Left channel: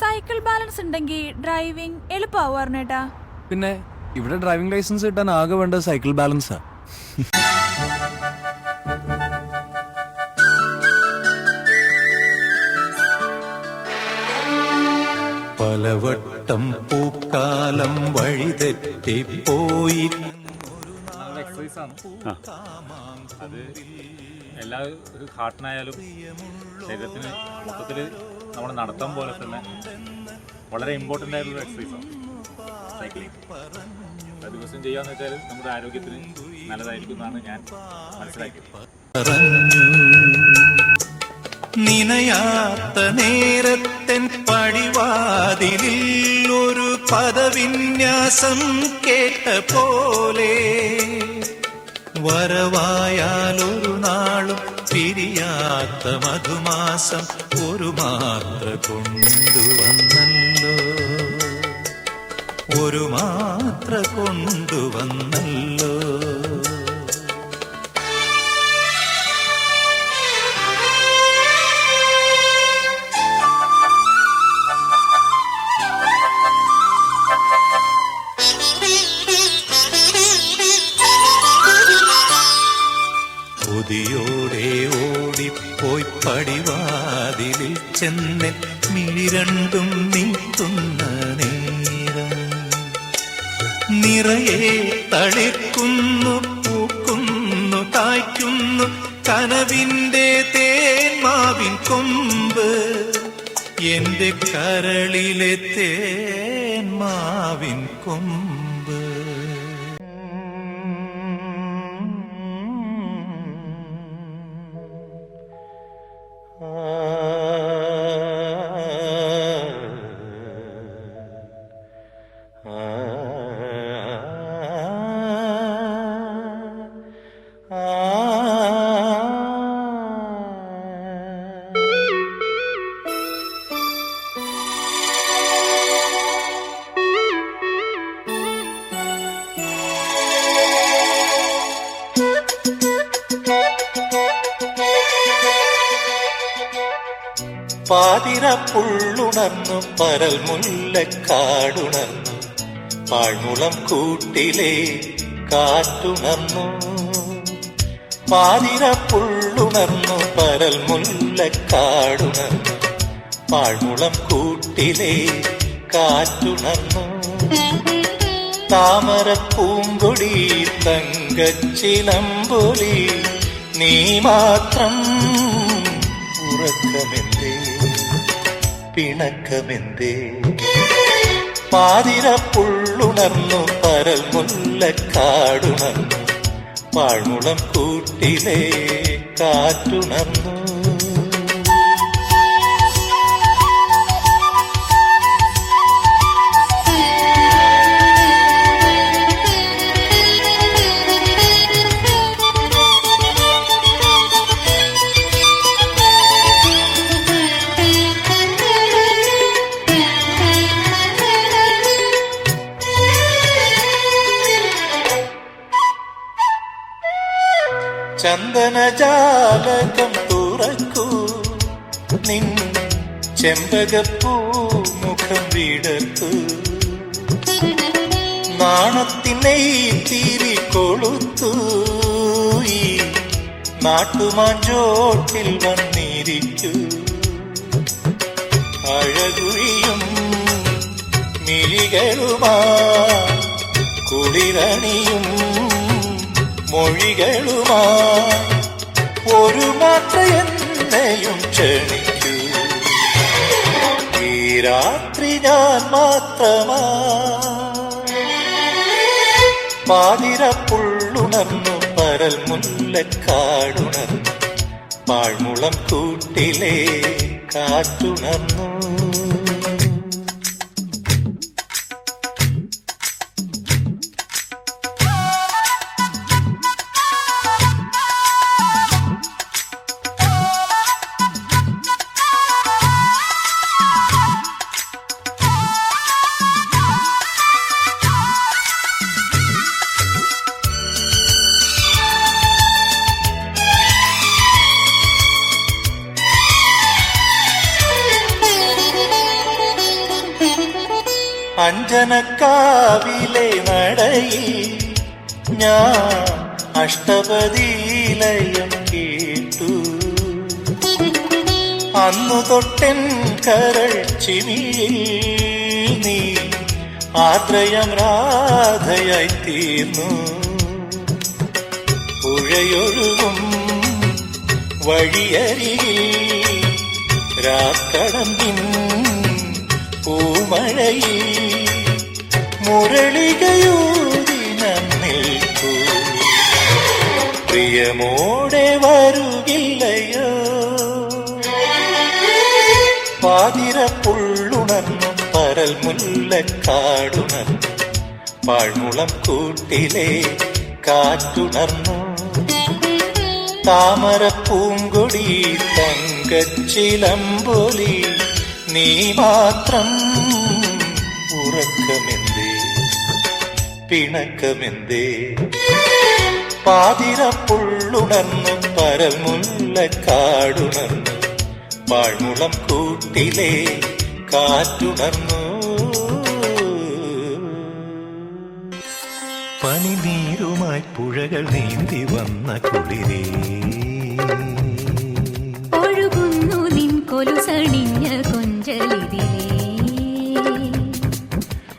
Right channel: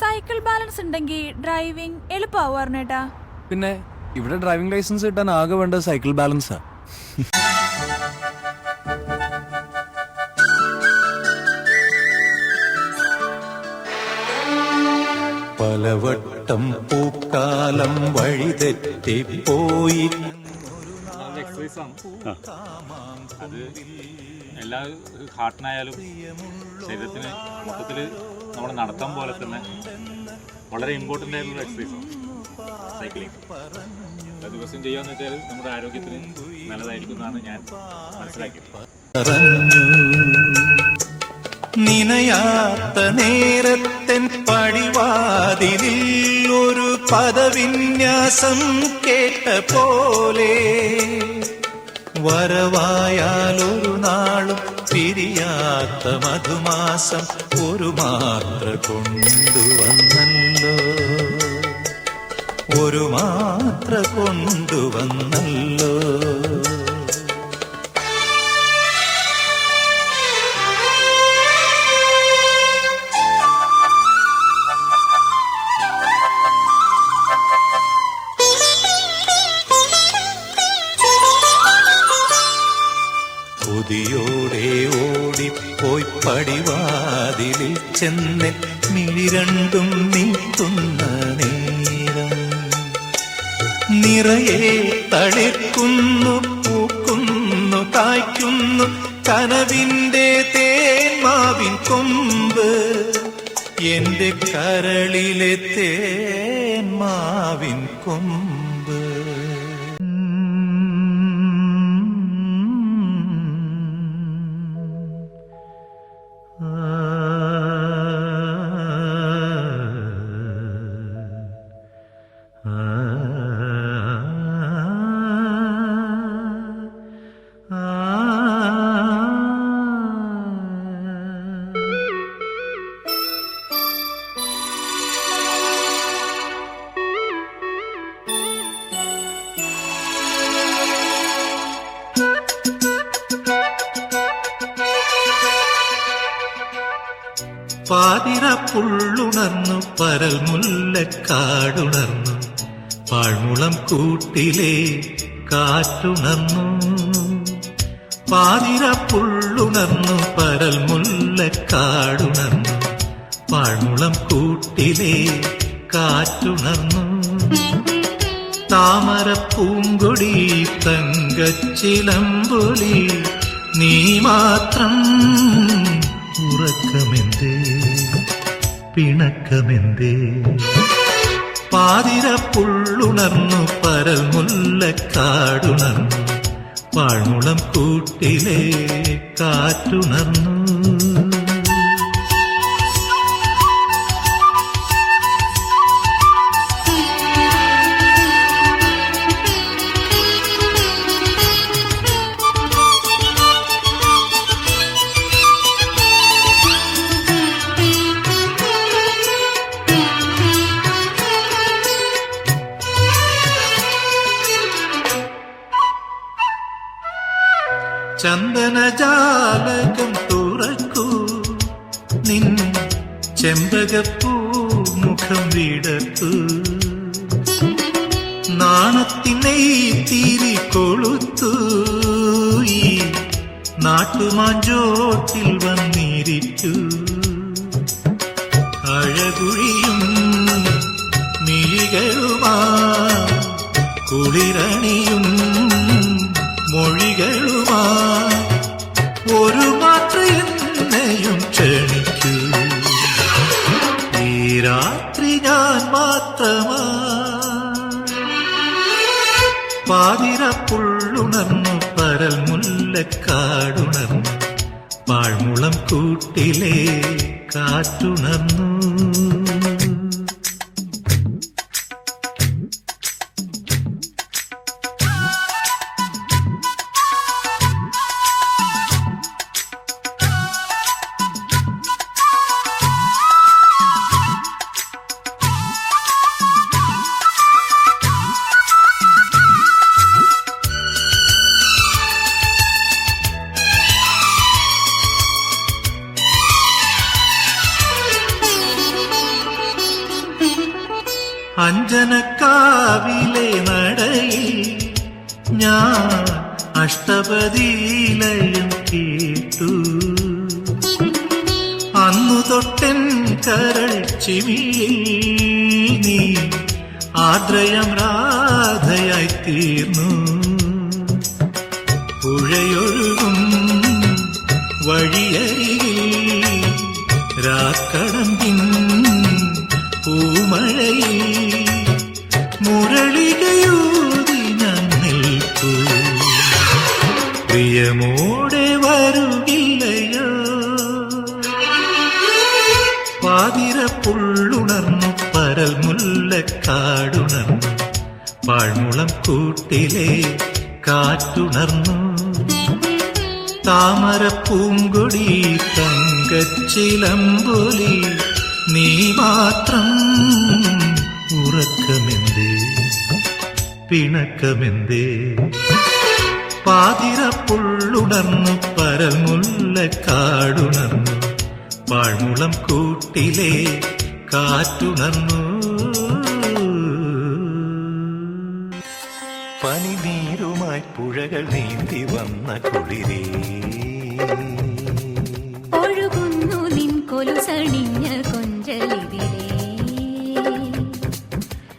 Cycle balance ഉണ്ടെങ്കിൽ driving എളുപ്പമാവും ഏട്ടാ. പിന്നെ ഇവിടെ ഡ്രൈവിംഗ് ലൈസൻസ് കിട്ടാൻ ആകെ വേണ്ടത് സൈക്കിൾ ബാലൻസാ. പലവട്ടം പൂക്കാലം വഴിതെറ്റിപ്പോയി. നല്ല എക്സസൈസാണ് അത്. എല്ലാ ഹാർട്ടിനായാലും ശരീരത്തിന് മൊത്തത്തിൽ നമ്മുടെ നടത്തം പോലെ തന്നെ വളരെ ഇമ്പോർട്ടൻ്റ് ആയിട്ടുള്ള എക്സസൈസാണ് സൈക്ലിംഗ്. ദിവസം ചെയ്യാന്ന് വെച്ചാൽ നമ്മുടെ ആരോഗ്യത്തിന് നല്ലതായിരിക്കും എന്നാണ് ഞാൻ മനസ്സിലാക്കിയത്. നിനയാത്ത നേരത്തൻ പടിവാതിലിൽ ഒരു പദവിന്യാസം കേട്ട പോലെ വരവായാലൊരു നാളും പിരിയാത്ത മധുമാസം ഒരു മാത്ര കൊണ്ടുവന്നല്ലോ, ഒരു മാത്ര കൊണ്ടുവന്നല്ലോ. കൊതിയോടെ ഓടിപ്പോയി പടിവാതിലിൽ ചെന്ന് മിഴിരണ്ടും നീട്ടുന്ന നേരം നിറയെ തളിർക്കുന്നു, പൂക്കുന്നു, കായ്ക്കുന്നു കനവിന്റെ തേന്മാവിൻ കൊമ്പ്, എന്റെ കരളിലെ തേന്മാവിൻ കൊമ്പ്. പാതിര പുള്ളുണർന്നു, പരൽ മുല്ലക്കാടുണർന്നു, പാഴ്മുളം കൂട്ടിലെ കാറ്റുണർന്നു. പാതിര പുള്ളുണർന്നു, പരൽ മുല്ലക്കാടുണർന്നു, പാഴ്മുളം കൂട്ടിലെ കാറ്റുണർന്നു. താമര പൂങ്കൊടി തങ്കച്ചിലമ്പൊലി നീ മാത്രം, ഉറക്കമെന്തേ പിണക്കമെന്തേ. പാതിര പുള്ളുണർന്നു, പരൽ മുല്ലക്കാടുണർന്നു, പാഴ്മുളം കൂട്ടിലെ കാറ്റുണർന്നു. ചന്ദനജാലകം തുറക്കൂ, നിൻ ചെമ്പകപ്പൂ മുഖം വിടർത്തൂ, നാണത്തിനെ തിരി കൊളുത്തു, ഈ നാട്ടുമാഞ്ചോട്ടിൽ വന്നിരിക്കൂ. അഴകുഴിയും മിഴികളുമാ കുളിരണിയും മൊഴികളുമാ ഒരു മാത്ര എന്നെയും ക്ഷണിക്കൂ. ഈ രാത്രി ഞാൻ മാത്രമാ. പാതിര പുള്ളുണർന്നു, പരൽ മുല്ലക്കാടുണർന്നു, പാഴ്മുളം കൂട്ടിലെ കാറ്റുണർന്നു. അഞ്ജനക്കാവിലെ നടയിൽ ഞാൻ അഷ്ടപതിയിലയം കേട്ടു. അന്നു തൊട്ടൻ കരൾ ചിമിയിൽ നീ ആദ്രയം രാധയായി തീർന്നു. പുഴയൊഴുകും വഴിയരികിൽ രാക്കടമ്പിൻ പൂമഴയിൽ മുരളികയൂതി ഞാൻ നിൽക്കൂ. പ്രിയമോടെ വരുകില്ലയോ? പാതിരപ്പുള്ളുണർന്നു പരൽ മുല്ലക്കാടുണർന്നു. പാഴ്മുളം കൂട്ടിലെ കാറ്റുണർന്നു. താമര പൂങ്കൊടി തങ്കച്ചിലമ്പൊലി നീ മാത്രം. ഉറക്കമെന്തേ പിണക്കമെന്തേ? പാതിരപ്പുള്ളുണർന്നു പരൽ മുല്ലക്കാടുണർന്നു. പാഴ്മുളം കൂട്ടിലെ കാറ്റുണർന്നു. പനിനീരുമായി പുഴകൾ നീന്തി വന്ന കുളിരേ, ഒഴുകുന്നു നിൻ കൊലുസണിഞ്ഞ കൊഞ്ചലിതിലേ.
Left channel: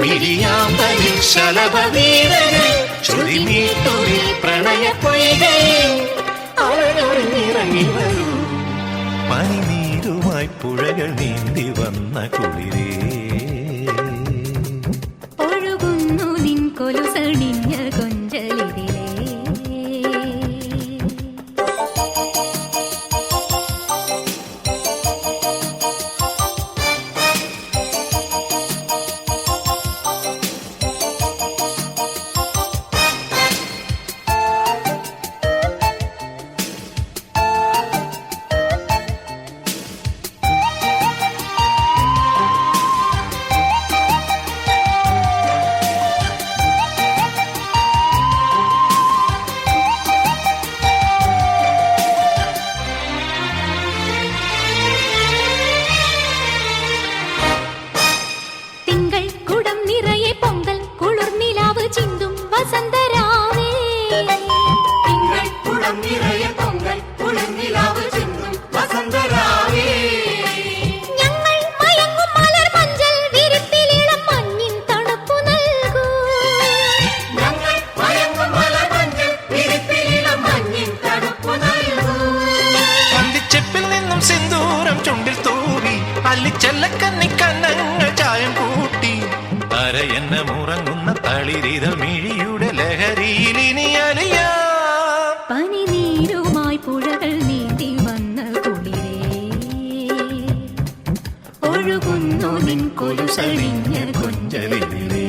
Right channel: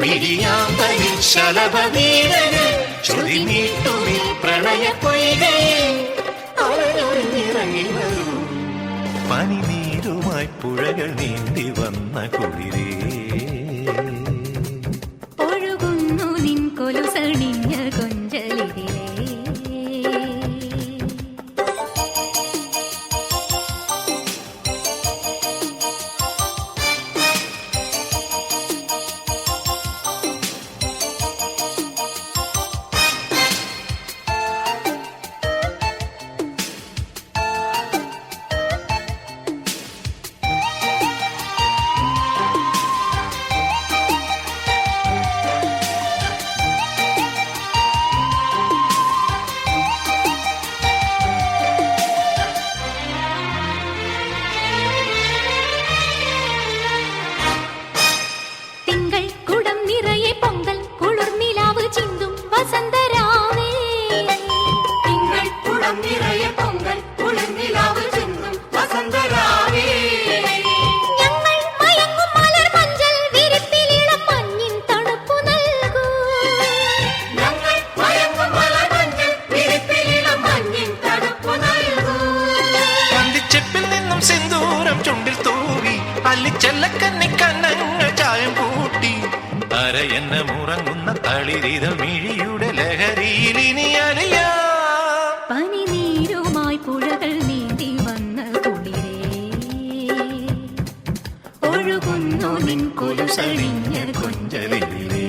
മിഴിയാമ്പലിൽ ശലഭവീരകൾ ശ്രുതി നീട്ടുവിൽ പ്രണയപ്പൊയ്കയിൽ അവരൊഴിഞ്ഞിറങ്ങി വരൂ. പനിനീരുമായി പുഴകൾ നീന്തി വന്ന കുളിരേ, ഒഴുകുന്നു നിൻ കൊലുസണിഞ്ഞ കൊഞ്ചലിതിലേ. അല്ലിച്ചെല്ലക്കന്നിക്കന്നങ്ങൾ ചായം കൂട്ടി അരയെന്ന മുറങ്ങുന്ന തളിരിതൾ മിഴിയുടെ ലഹരിയിൽ ഇനി അലിയാ. പനിനീരുമായി പുഴകൾ നീന്തി വന്ന കുളിരേ, ഒഴുകുന്നു നിൻ കൊലുസണിഞ്ഞ കൊഞ്ചലിതിലേ.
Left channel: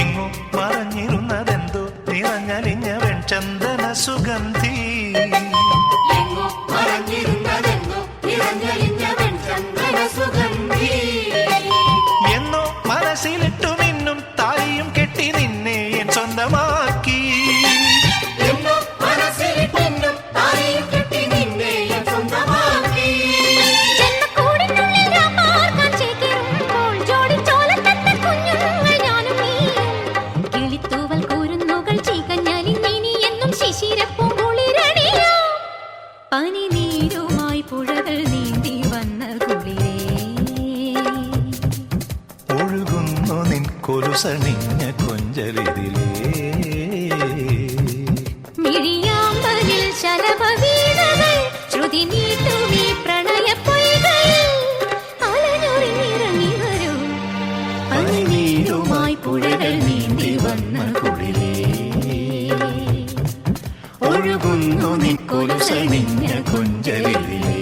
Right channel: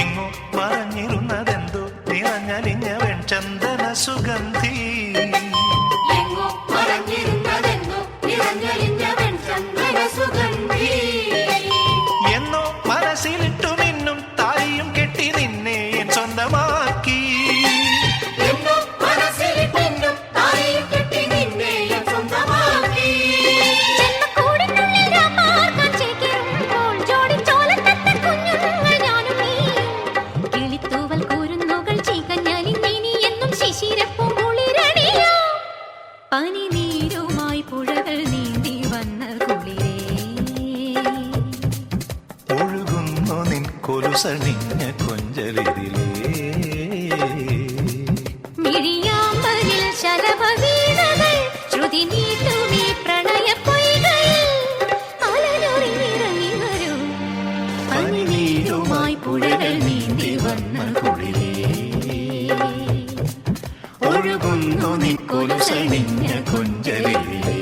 എങ്ങോ മറഞ്ഞിരുന്നതെന്തോ നിറഞ്ഞലിഞ്ഞ വെൺചന്ദന സുഗന്ധി. എന്നോ മനസ്സിലിട്ടു മിന്നും താലിയും കെട്ടി നിന്നെ എൻ സ്വന്തമാക്കി. പനിനീരുമായി പുഴകൾ നീന്തി വന്ന കുളിരേ, ഒഴുകുന്നു നിൻ കൊലുസണിഞ്ഞ കൊഞ്ചലിതിലേ. മിഴിയാമ്പലിൽ ശലഭവീണകൾ ശ്രുതി നീട്ടുമീ പ്രണയപ്പൊയ്കയിൽ അലനൊറിഞ്ഞിറങ്ങി വരൂ. വന്ന കുളിരേ ഒഴുകുന്നു നിൻ കൊലുസണിഞ്ഞ കൊഞ്ചലിതിലേ